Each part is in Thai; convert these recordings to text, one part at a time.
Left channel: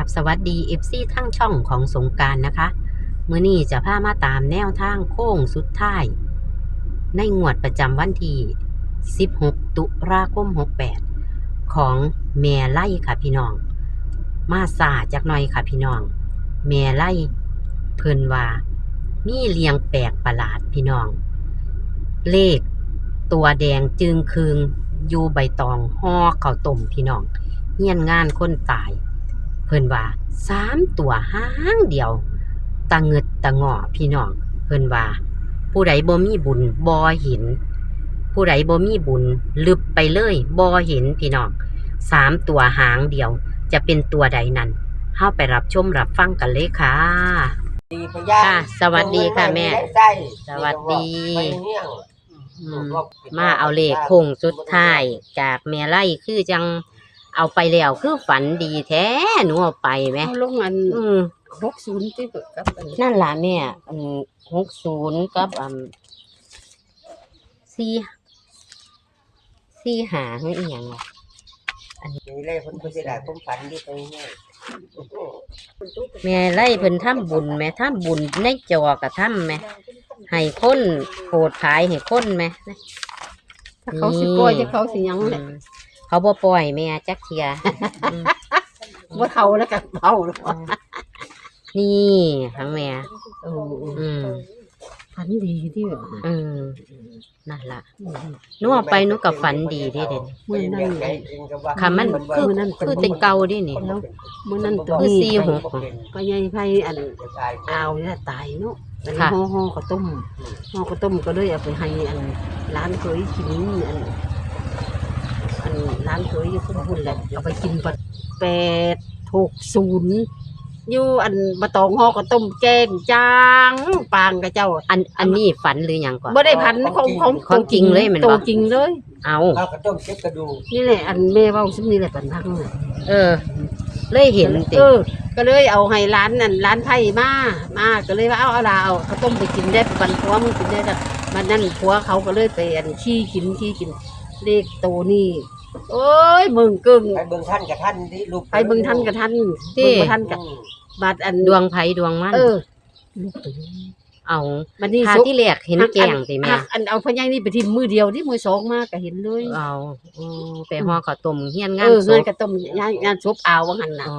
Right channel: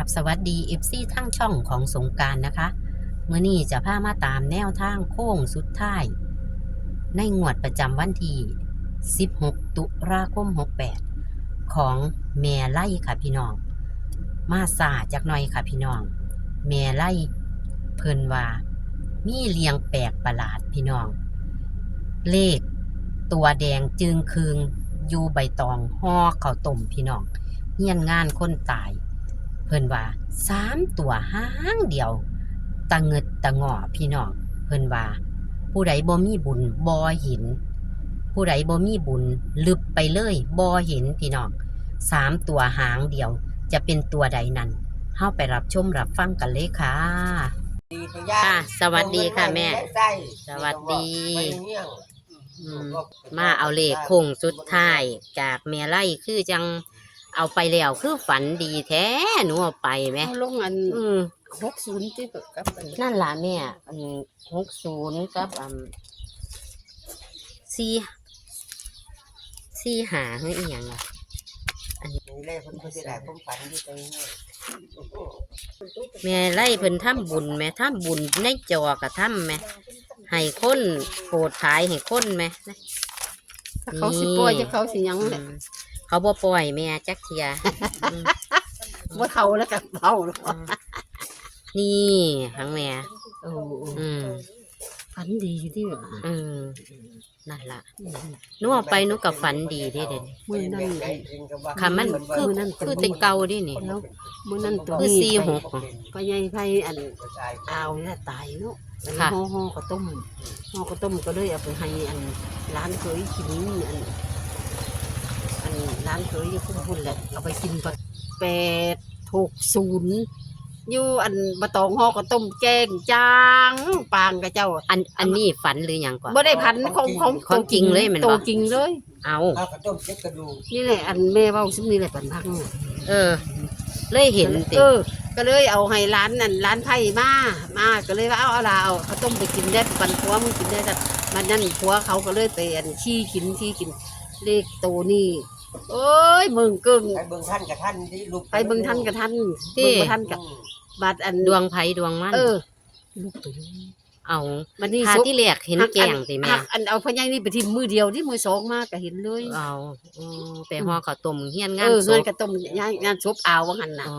ราบสวัสดี FC ทั้งช่องของสงการนะคะ เมื่อนี้จะพามาตามแนวทางโค้งสุดท้าย ในงวดประจำวันที่ 16 ตุลาคม 68 ของแม่ไล่ค่ะพี่น้อง มาสาจากหน่อยค่ะพี่น้อง แม่ไล่เพิ่นว่า มีเลียงแปลกประหลาดพี่น้อง เลข ตัวแดงจึงคืงอยู่ใบตองห่อข้าวต้มพี่น้องเฮียนงานคนตาย เพิ่นว่าสามตัวห้างเดียวตะเงิดตะงอพี่น้องเพิ่นว่า ผู้ใดบ่มีบุญบ่เห็น ผู้ใดบ่มีบุญลึบไปเลยบ่เห็นพี่น้องสามตัวหางเดียว จะเป็นตัวใดนั้นเฮาไปรับชมรับฟังกันเลยค่ะดีพยาค่ะสวัสดีค่ะแม่ไส้สวัสดีไปเฮี้ยงอืมมาเอาเลขโค้งสุดท้ายจากแม่ไล่คือจัง เอาไปแล้วคือฝันดีแท้หนูเอาไปไหมเอาลงอันอืมหกศูนย์ที่เกิดกับอันนั่นล่ะแม่อันหกศูนย์กับอันสี่สี่หาให้อีหยังอะนี่เลยคนเพิ่นสิได้ผมฝันดีไปเฮี้ยงแม่ไล่เพิ่นทำบุญแม่ทำบุญในจอกระทำแม่ให้คนโปรดขายให้คนแม่ถ้าเขาสิปล่อยจะเขาสิหยังอืแหละม เขาบ่ปล่อยแม่จักเทียอืมว่าเขาแล้วกันเบาหรอกนี่ทั้งแม่โอ้อืมฝันดีที่แบบอืมนั่นล่ะหนูเอาไปหนูกับฝันดีที่เด่นเมื่อนั้นไอ้จริงก็ว่าค่ะมันคือมื้อนั้นคือแต่เก่าดินี่แล้วเมื่อนั้นตัวคือนี้สี่หกก็ยังไผอันตายเอาเนี่ยตายเนาะอันนี้ค่ะห่อห่อข้าวต้มห่อข้าวต้มก็เลยเอาไปให้อันร้านเคยกินอันอันร้านเคยอยู่พุ่นๆแหละ เอาไปกินปัดแปดหกศูนย์อยู่อันบะตองห่อข้าวต้มแกงจางปางกับเจ้าอันอันนี้ฝันหรือหยังก่อน บ่ได้พันของของของจริงเลยแม่นบ่ ตัวจริงเลย เอาข้าวกระต้มเจ็บกระดูกนี่แหละอันแม่เว้าซึ่งนี่แหละปันพักนั่นแหละเออ เลยเห็นติเออ ก็เลยเอาให้ร้านนั่นร้านไผ่มามาก็เลยว่าเอาเอาลาเอาข้าวต้มไปกินได้ปันผัวมึงกินได้แต่มันนั่นผัวเขาก็เลยไปอันขี้กินขี้กินเลขตัวนี่ โอ้ยมึงกึ่งไปเบิ่งท่านกับท่านที่ลูกไปเบิ่งทันกับทันเบิ่งบ่ทันกับบัดอันดวงไผดวงมันเออลูกไปเลยเอาบัดนี้ทาซุกที่แรกเห็นแกงติแม่หักอันเอาพญานี่ไปทิมมือเดียวที่มือสองมากก็เห็นเลยเอาอืมไปห่อข้าวต้มเฮียนงาเอนอศเงินพกระต้มงานงานซบเอาว่างั้นน่ะอ๋อ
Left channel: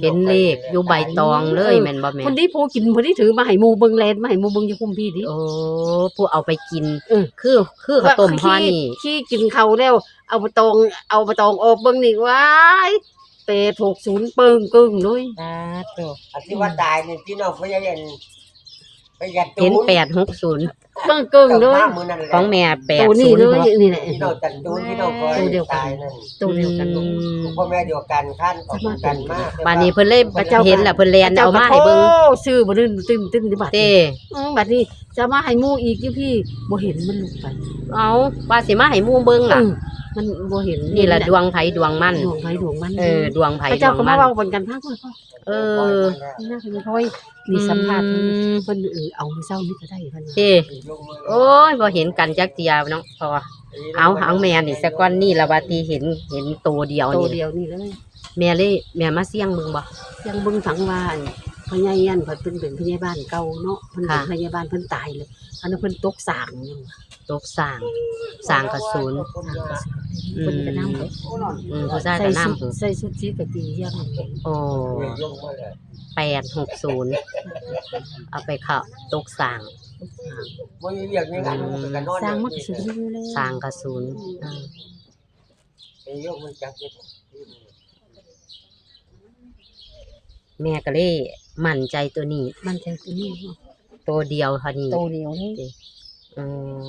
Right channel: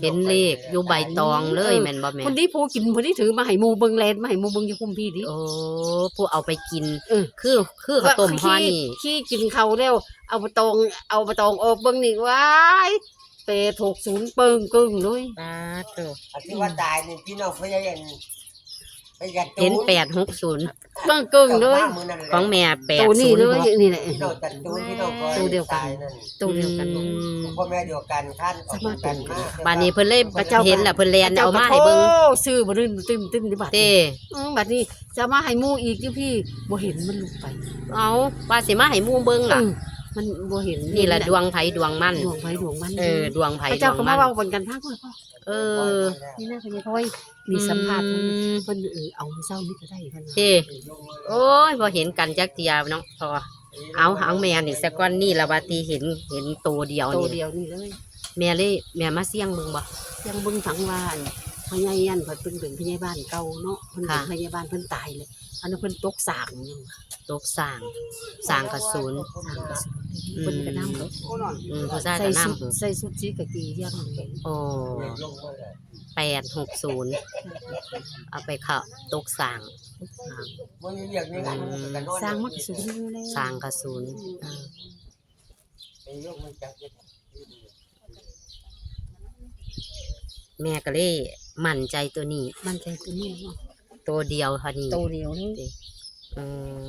เห็นเลขอยู่ใบตองเลยแม่นบ่แม่คนที่ผู้กินคนที่ถือมาให้หมูเบิงแลนมาให้หมูเบิงอยู่คุมพี่ดิโอ้ผู้เอาไปกิน เออ คือคือข้าวต้มห่อนี่ขี้กินเขาวแล้ว เอาไปตอง เอาไปตองออกเบิงนี่ว้ายเปถูกศูนย์เปิงกึ่งเลยปาโต อันที่ว่าตายนี่พี่น้องเพิ่นจะเห็น ไปยัดตูเห็นนแปดหกศูนย์เกิงกึ่งเลยมามื้อนั้นแหละของแม่แปดตัวนี้ศูนเลย์หยกนี่แหละ พี่น้องจัดตูนพี่น้องคอยตัวเดียวกัน ตายนั่นตัวเดียวกัน อืมพ่อแม่เดียวกันท่านออกกันมากบานนี้เพิ่นเลยพระเจ้าเห็นแล้วเพิ่นแลนเอามาให้เบิ่งโอ้ซื้อบ่ดื้นตึ้มตึ้มดิบัดเต้อือบัดนี้จะมาให้หมูอีกอยู่พี่บ่เห็นมันลงไปเอาว่าสิมาให้หมู่เบิ่งล่ะเออ มันบ่เห็นนี่แหละดวงไผดวงมันดวงไฟดวงมันเออดวงไผพระดเจ้าวงก็มัมาน เว้าบนกันทักว่าพ่อเออ นี่น่าเป็นพ่อยมีสัมภาษณ์อืมเพิ่นเออเอาเศร้านี่ก็ได้ท่านว่าเต้โอ้ยบ่เห็นกันจักเทียเนาะพอเอาหางแม่นี่สักก้อนนี่ละว่าตีเห็นเห็นตัวเดียวโตนี่เดียวนี่เลยแม่เลยแม่มาเสี่ยงเบิ่งบ่ยังเบิ่งฝังว่าอัน พญายันเพิ่นเป็นเป็นพยาบาลเก่าเนาะเพิ่นเป็นค่ะพยาบาลเพิ่นตายเลย อันนั้นเพิ่นตกสางตกสร้างสร้างกระสุนอืเพิ่นมก็นำอืมผู้ชายใส่ก็ชุดนำใส่ชุดสีกะกียังโอ้แปดหกศูนย์เอาไปเข้าตกสร้างบ่อยู่อย่างนี้กันมันก็นอนสร้างมักสูงอยู่แล้วสร้างกระสุนอืมไอ้ยกมันจับอยู่แม่ก็เลย มั่นใจตัวนี้ มันใจตัวนี้เนาะตัวเดียวเท่านี้โตเดียวนี่อืม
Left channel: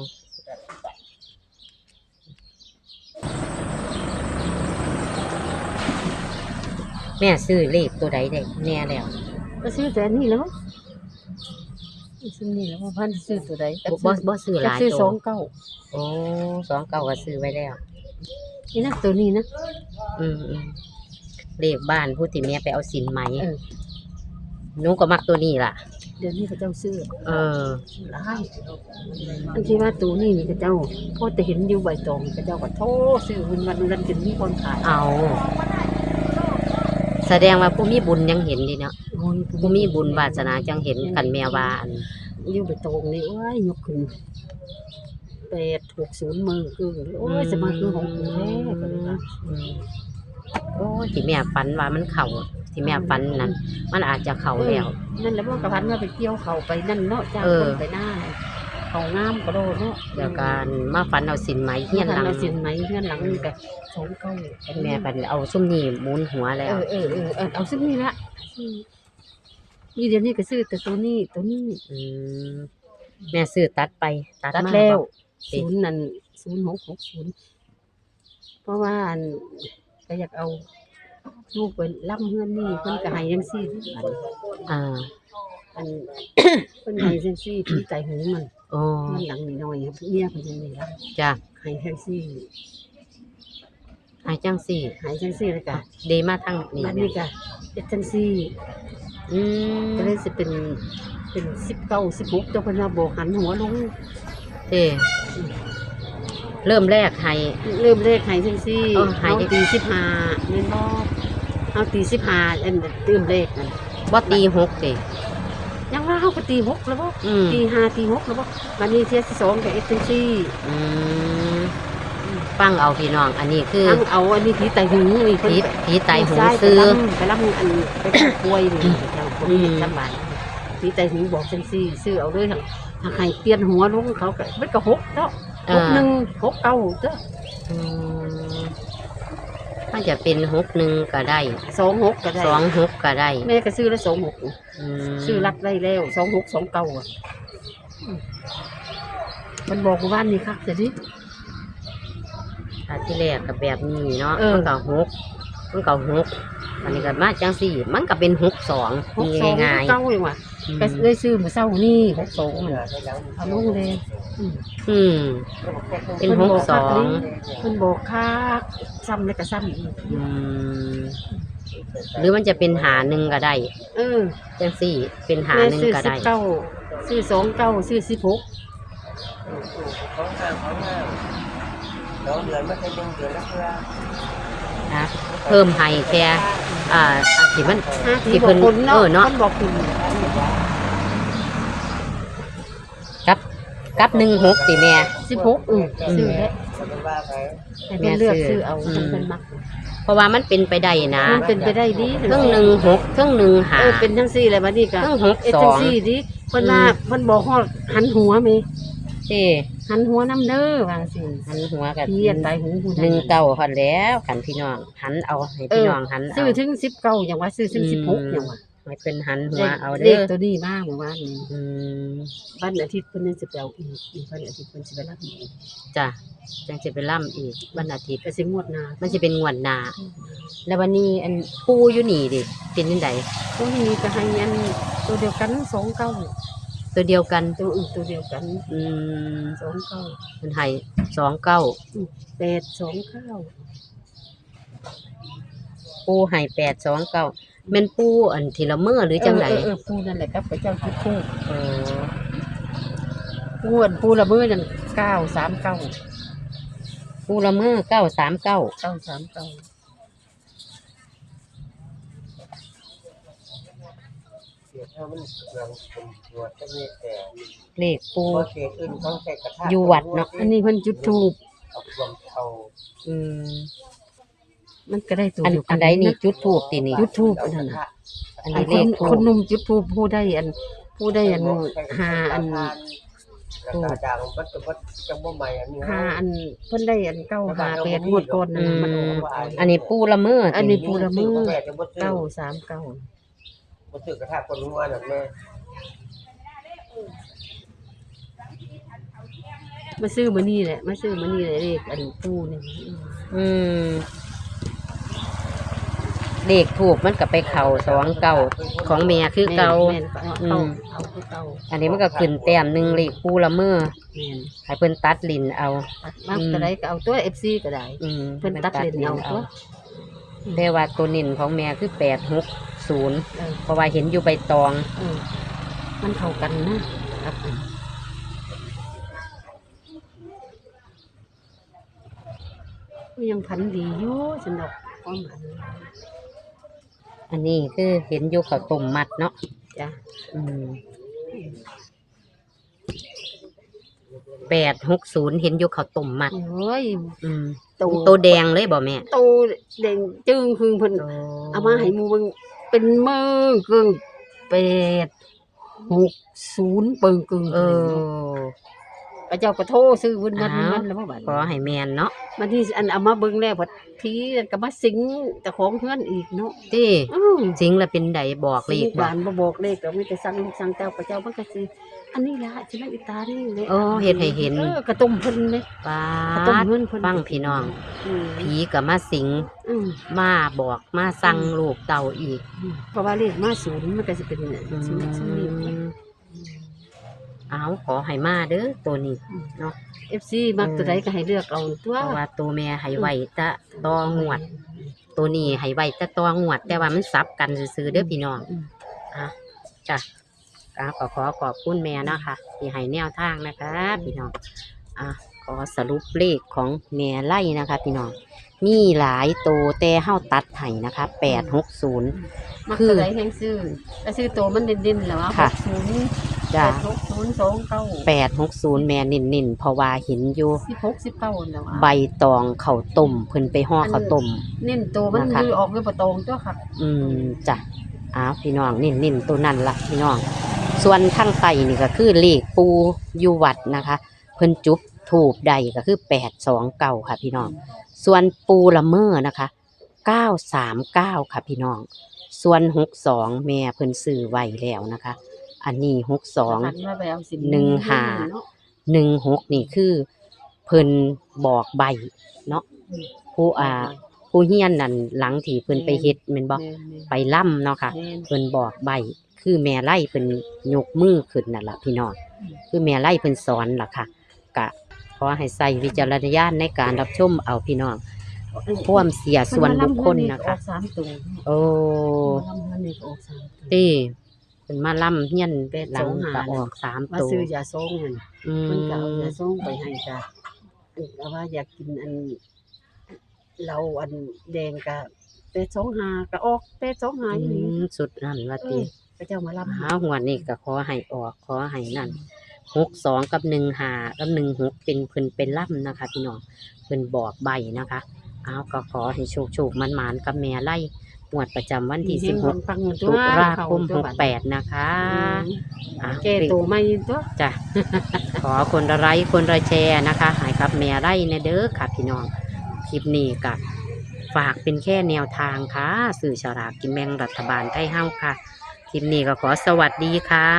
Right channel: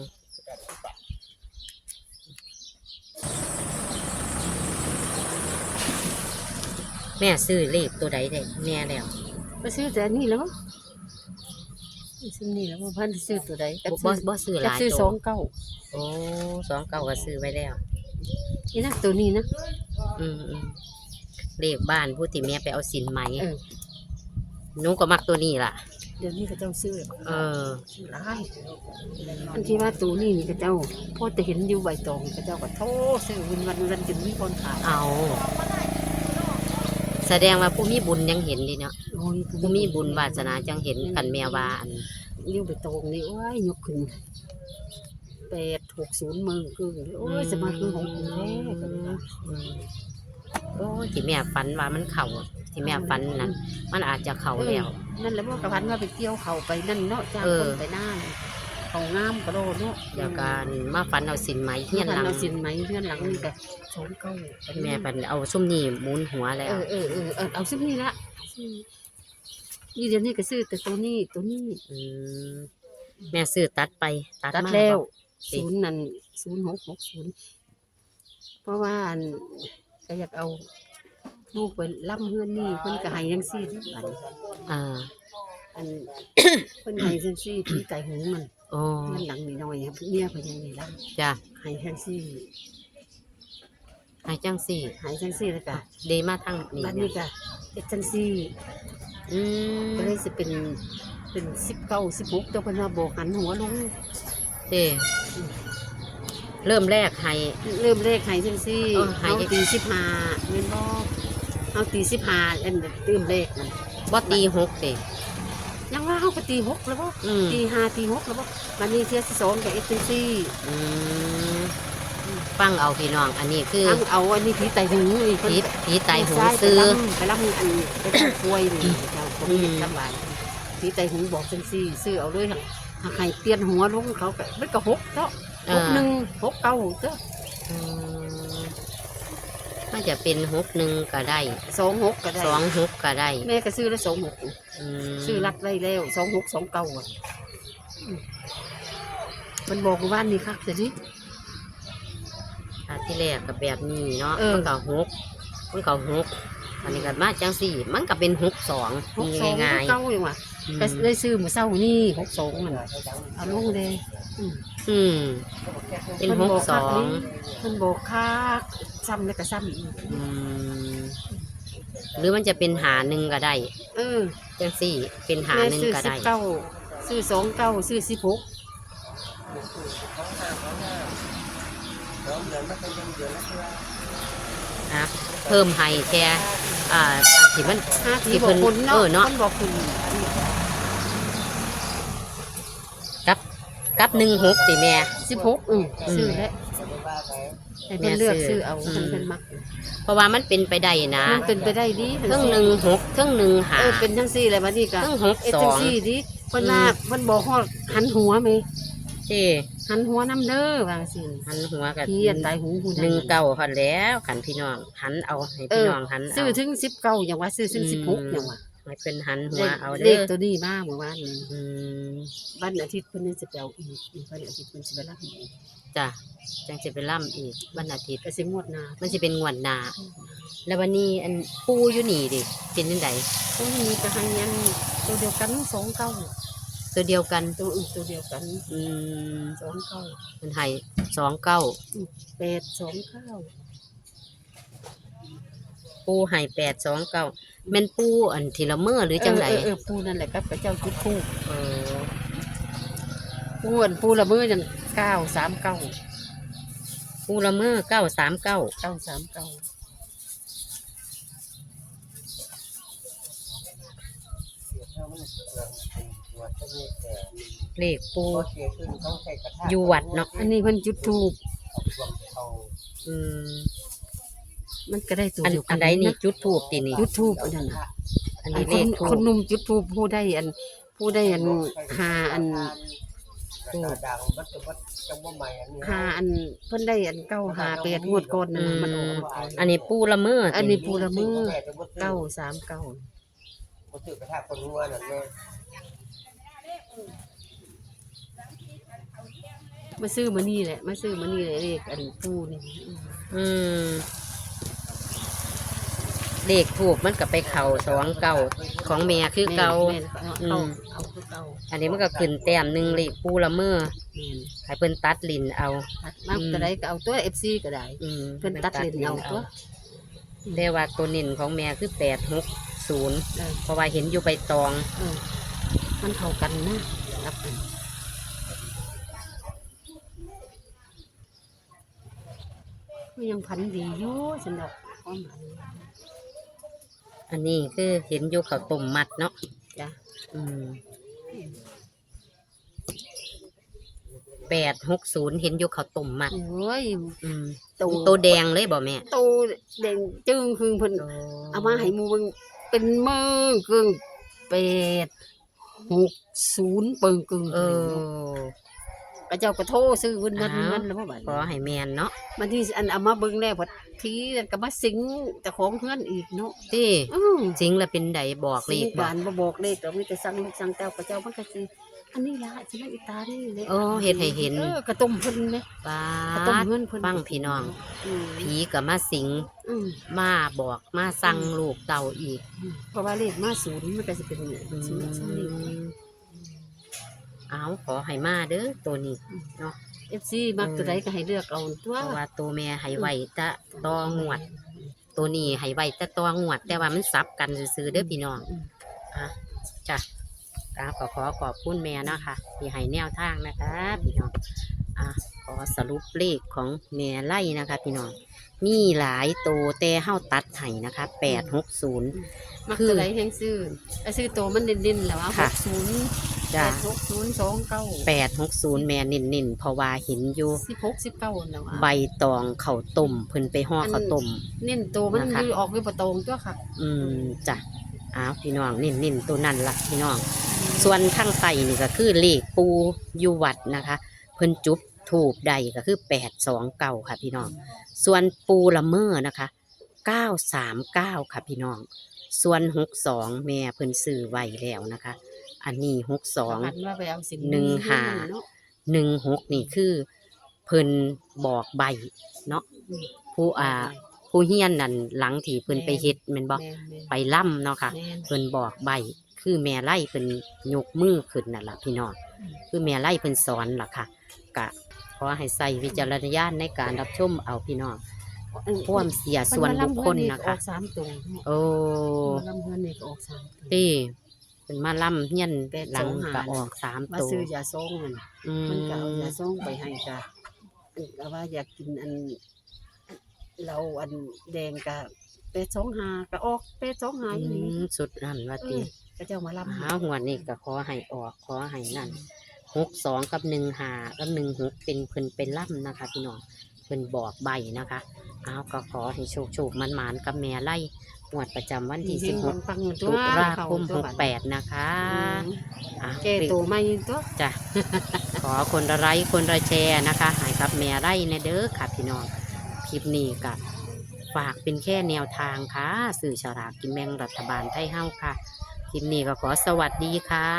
แม่ซื้อเลขตัวใดได้แน่แล้วก็ซื้อแต่อันนี้แล้วซื้อนี่แล้วว่าพันซื้อตัวใดก็บ่ซื้อบ่ซื้อหลายซื้อตัสอวงเก้าโอ้สองเก้าก็ซื้อไว้แล้ว นี่นะตัวนี้นะอืมอืมเลขบ้านผู้ที่แม่ไปเอาสินไหม เออ หนูก็มักตัวนี้ล่ะ เดี๋ยวนี้เขาเจ้าซื้อเออได้อันที่ว่าตัวนี้นี่เขาเจ้าพอแต่เห็นอยู่ใบตองเขาเจ้าก็โทษซื้อวันวันนั้นจนมีคนขายเอา แสดงว่าผู้มีบุญยังเห็นดีเนาะโอ้ยผู้มีบุญวาสนาจังเห็นกันแม่ว่าอันอยู่ไปตรงนี่โอ้ยยกขึ้นแปดหกศูนย์มือคือโอ้ยจะมาคือของคุณแท้ก็เลยว่าอืมโอ้ยที่แม่ฝันว่ามันเข่า ที่แม่ฝันนั้นมันอาจจะเข่าแล้ว นั่นแหละพวกกระพันว่าไปเกี่ยวเขาไปนั่นเนาะจ้างเออคนไปหน้าเลยเขางามกระโดดเนาะเดี๋ยวการมาฝันเอาสินไหมเฮียนหลังเราสินไหมเฮียนหลังนี่ก็สองเก้าแม่ปันเอาซุ่มนี่หมุนหัวแล้เอว อเออเออเออเอาซึ่งนี่ละนี่เดี๋ยวนี้ก็ซื้อแต่ตัวนี้ตัวนี้อืมแม่ซื้อตัดไปตัดตัดมาแล้วบอกศูนย์นั่นศูนย์หกหกศูนย์เพราะว่าอันก็อยากเอา ลูกไปล่ำเฮือนนี่เพิ่นก็ให้ยังซี่ทุกอันอ่า อัน เพิ่นให้จังซี่พี่ไก่หูมันโอ้เงินหลังนิดหน่อยครับเมียเพิ่นยังนี่ล่จ้ะำให้จังซี่ให้จังสี่ให้จังซี่แล้วก็ดีมาทั้งนี่บัดเนี่นี้ยก็เฮ็ดจังซี่อืมก็เลยสิเป็นเป็น19 16เจ้าเพิ่นว่าบ่หันหัวลงเด้เริ่มแรกให้เริ่มเลขให้จังซี่อ๋อให้เฮาตี15แม่นบ่ เฮาตี15อันเริ่มเลขนั่นบ่ตีหกติยังว่าเขาก็ตีหกแล้วบ่อืมตีห้าตีหกแล้วบ่วันนี้เที่ยที่สองกับเอเจนซี่อืมฟังเอาพี่น้องอันนี้คือทั้งเอาอันนี้ผีไตหูนี่ผีผีไตหูซ้ายซื้อไปล่ำไปล่ำอันไปทำกล้วยนี่เจ้าคนอืมลำบากผีไตหูบอกเจนซี่ซื้อเอาด้วยทั้งถ้าใครเปลี่ยนหัวลงเขาก็มันก็หกเจ้าหกหนึ่งหกเก้าเจ้าอื มถ้าจะเป็นหกหนึ่งก็ได้สองหกก็ได้สองหกก็ได้แม่ก็ซื้อแล้วสองหกมซื้อรัดไว้แล้วสองหกสองเก้าอะอืมมันบอกว่านี่คักแต่นี่ถ้าที่แรกกับแบบนี้เนาะเออมันก็หกมันก็หกอันนี้ก็มาจังสี่ มันก็เป็นหกสองหกมีสองง่ายเก้าเลยว่ะๆอืมก็เลยซื้อมือเศร้านี่หกสองมันเอาลงเลยอืมอืมเป็นหกสองมันบอกค่า ซ้ำแล้วก็ซ้ำอีกอืมหรือมันจะเป็นหาหนึ่งก็ได้เออจังสี่ เป็นหาหนึ่งซื้อก็สิได้บเก้าซื้อสองเก้าซื้อสิบหกเขาห้างเขาห้างเราเดือนไม่เคยเดือนเดือนละเท่านะเพิ่มให้แค่อ่าอันที่มันห้าที่ทีบเพิ่อกนคนเนาะเออเนาะมันบอกคุณกับกับหนึ่งหกสิแม่ สิบหกอือซื้อแล้ว ว่าไปให้เพิ่นเลือกซื้อเอาอืมมันเป็นมักเพราะว่ามันเป็นไปได้นะมันเป็นไปได้ดีเครื่องหนึ่งหกเครื่องหนึ่งหา เออเป็นทั้งสี่เลยบัดนี้เคก็รื่องหกเอสจัองงซี่ดิเพิ่นว่าเพิ่นบอกฮอดหันหัวไหมเอ้หันหัวน้ำเด้อว่าสิหันหัวกับพี่อันตายหูผู้หนึ่งเก้าคันแล้วกันพี่น้องหันเอาให้พี่น้องหันซื้เอาอถึงสิบเก้าอย่างว่าซื้อถึงสิบหกอย่างว่า ให้เป็นหันหัวเอาเลเด้ขอตัวนี้บ้างเมื่อวานนี้อืมวันอาทิตย์เพิ่นจะไปเอาอีกอีกวันอาทิตย์เพิ่นจะไปรับอีกจ้ะจังจะไปล่ำอีกวันอาทิตย์ก็สิงวดหน้ามันจะเป็นงวดหนาแล้ววันนี้อันปูอยู่นี่ดิเป็นยังไงตัวนี้จะให้อันตัวเดียวกันสองเก้าตัวเดียวกันตัวอื่นตัวเดียวกันอืมสองเก้ามันให้สองเก้าแปดสองเก้าปูให้แปดสองเก้า แม่นปูอันทีละเมื่อหรือจังไหนเออเออปูนั่นแหละครับพระเจ้าทุกคู่เออปูอันปูละมือนั่นเก้าสามเก้าปูละเมื่อเก้าสามเก้าเก้าสามเก้าเสียเท่ามันเรื่องเป็นตัวจะมีแต่เลขปูพอเสียอื่นเขาใส่กระทะอยู่วัดเนาะอันนี้เพิ่นจุดทูบเอารวมเขาอื มมันก็ได้ตัวอันเดียวกัอันนใดนี่จุดทูบตีนี่จุดทูบเอาอันกนั้ระนทะอันอันี้นเลคนขทูคนบหนุ่มจุดทูบผู้ได้อันผู้ได้อันหาอันกระทะด่างมันจะมันจะบ่ใหม่อันนี้หาอันเพิ่นได้อันเก้าหาแปดงวดก่อนนั่นน่ะมันออกอันนี้ปูละเมื่ออัอันนี้ปูละมื้อแม่จะบ่ซื้อเก้าสามเก้าบ่ซื้อกระทะคนรู้ว่านั่นแม่มาซื้อมานี่แหละมาซื้อมานี่แหละเลขอันปูนี่อืม เลขถูกมันก็ไปเข่าสองเก้าของเมียคือเก่าแม่นๆเอาอืเอามเอาคือเก่าอันนี้มันก็ขึ้นแต้มหนึ่งเลขปูละเมื่อแม่นให้เพิ่นตัดลินเอา ตัดมากก็ได้ก็เอาตัว FC ก็ได้ อืมเพิ่นตัดเลนเอาตัว แต่ว่าตัวนินของแม่คือแปดหกศูนย์เออ เพราะว่าเห็นอยู่ใบตอง เออมันเข้ากันนะตัดกันมันยังพันดีอยู่สำหรับความหมาย อันนี้คือเห็นอยู่ข้าวต้มมัดเนาะจ้ะอืมแปดหกศูนย์เห็นอยู่ข้าวต้มมัด โอ้ย อืมตัวตัวแดงเลยบ่แม่โตแดงจึงคือเพิ่นเอามาให้หมูเบิ่งเป็นมือเกิงแปดหกศูนย์เปิงกึ่งเออ พระเจ้าก็โทรซื้อเพิ่นมันอ้าวมันแล้วบ่บัดขอให้แมนเนาะบัดนี้อันเอามาเบิ่งแล้วพอทีก็มาสิงเจ้าของเฮือนอีกเนาะที่อื้อจริงแล้วเป็นใดบอกเลขสิบ่บานบ่บอกเลขก็มีแต่สั่งลูกสั่งเต้าพระเจ้ามันก็สิอันนี้ล่ะสิมันอีตานี่เลยโอ้เฮ็ดให้เห็นออกระต้มเพิ่นเด้ป้ากระต้มดเฮือนเพิ่นฟังพี่น้อง อืมผีก็มาสิงอืม มาบอกมาสั่งลูกเต่าอีกเพราะว่าเลขมาศูนย์มันก็สิเป็นอืศูนย์ศูนย์นี่ม เอาขอให้มาเด้อตัวนี้เอฟซีมักตัวใดก็ให้เลือกเอาตัวเพราะว่าตัวแม่ให้ไว้แตะตองวด ตัวนี้ให้ไว้แตะตองวด แต่ว่ามันซับกันซื้อๆเด้อพี่น้องอืมอะจ้ะอะขอขอขอบคุณแม่นะคะที่ให้แนวทางนะคะพี่น้องอะขอสรุปเลขของแม่ไล่นะคะ พี่น้องมีหลายตัวแต่เฮาตัดให้นะคะแปดหกศูนย์มักคือตัวใดแห่งซื้อก็ซื้อตัวมันเด่นๆแล้วว่าค่ะศูนย์ จ้ะหกศูนย์สองเก้าแปดหกศูนย์แม่นินนินๆเพราะว่าเห็นอยู่ สิบหกสิบเก้าแล้วว่าใบตองข้าวต้มเพิ่นไปห่อข้าวต้ม เน้นตัวมันนะคะ คือออกด้วยประตองตัวค่ะอืมจ้ะอ้าวพี่น้องนิ่นนิ่นตัวนั่นละพี่น้อง ส่วนทั้งไตนี่ก็คือเลขปูอยู่วัดนะคะ เพิ่นจุบถูบใดก็คือแปดสองเก้าค่ะพี่น้อง ส่วนปูละเมอนะคะเก้าสามเก้าค่ะพี่น้อง ส่วนหกสองแม่เพิ่นซื้อไว้แล้วนะคะ อันนี้หกสองหันว่าไปเอาสินหนึ่งหาเนาะหนึ่งหกนี่คือ เพิ่นบอกใบเนาะอืมผู้อ่า ผู้เฮียนนั่นหลังที่เพิ่นไปเฮ็ดแม่นบ่แม่นไปล่ำเนาะค่ะ แม่น เพิ่นบอกใบคือแม่ไล่เพิ่นยกมือขึ้นนั่นล่ะพี่น้องคือแม่ไล่เพิ่นสอนล่ะค่ะกะขอให้ใส่วิจารณญาณในการรับชมเอาพี่น้องพ่วามเสียส่วนบุคคลนะออคะกสามตัวโอ้ลำเฮือนนี่ก็ออกสามตัว ตี เพิ่นมาล่ำเฮียนแปดหลัสองงหาก็ออกสามมาตัวซื้อยาทรงนั่นอืเพิ่นก็เอามยาทรงไปให้จ้ะเอาว่าอยากกินอัน เราอันแดงกะเป็ดสองหากะออกเป็ดสองหาอีอืนี้มสุดนั่นว่าเอติอพระเจ้ามารับหาหัวนี่ก็ขอให้ออกขอให้นั่นหกสองกับหนึ่งหากับหนึ่งหกเป็นเพิ่นเป็นล่ำนะคะพี่น้องเพิ่นบอกใบนะคะ เอาก็ขอให้โชคโชคมันมานๆกับแม่ไล่ หวดประจำวันที่สิบหกปังตุลาคมหกแปดนะคะอะแก่ตัวไม่ตัว จ้ะ ขอคนละไลค์คนละแชร์นะคะใหายกับแม่ไร่เนเด้อค่ะพี่น้อง คลิปนี้กับฝากเป็นแค่แนวทางค่ะ สื่อฉลากกินแบ่งรัฐบาลไทยเฮ้าค่ะ คลิปนี้ก็ขอสวัสดีค่ะ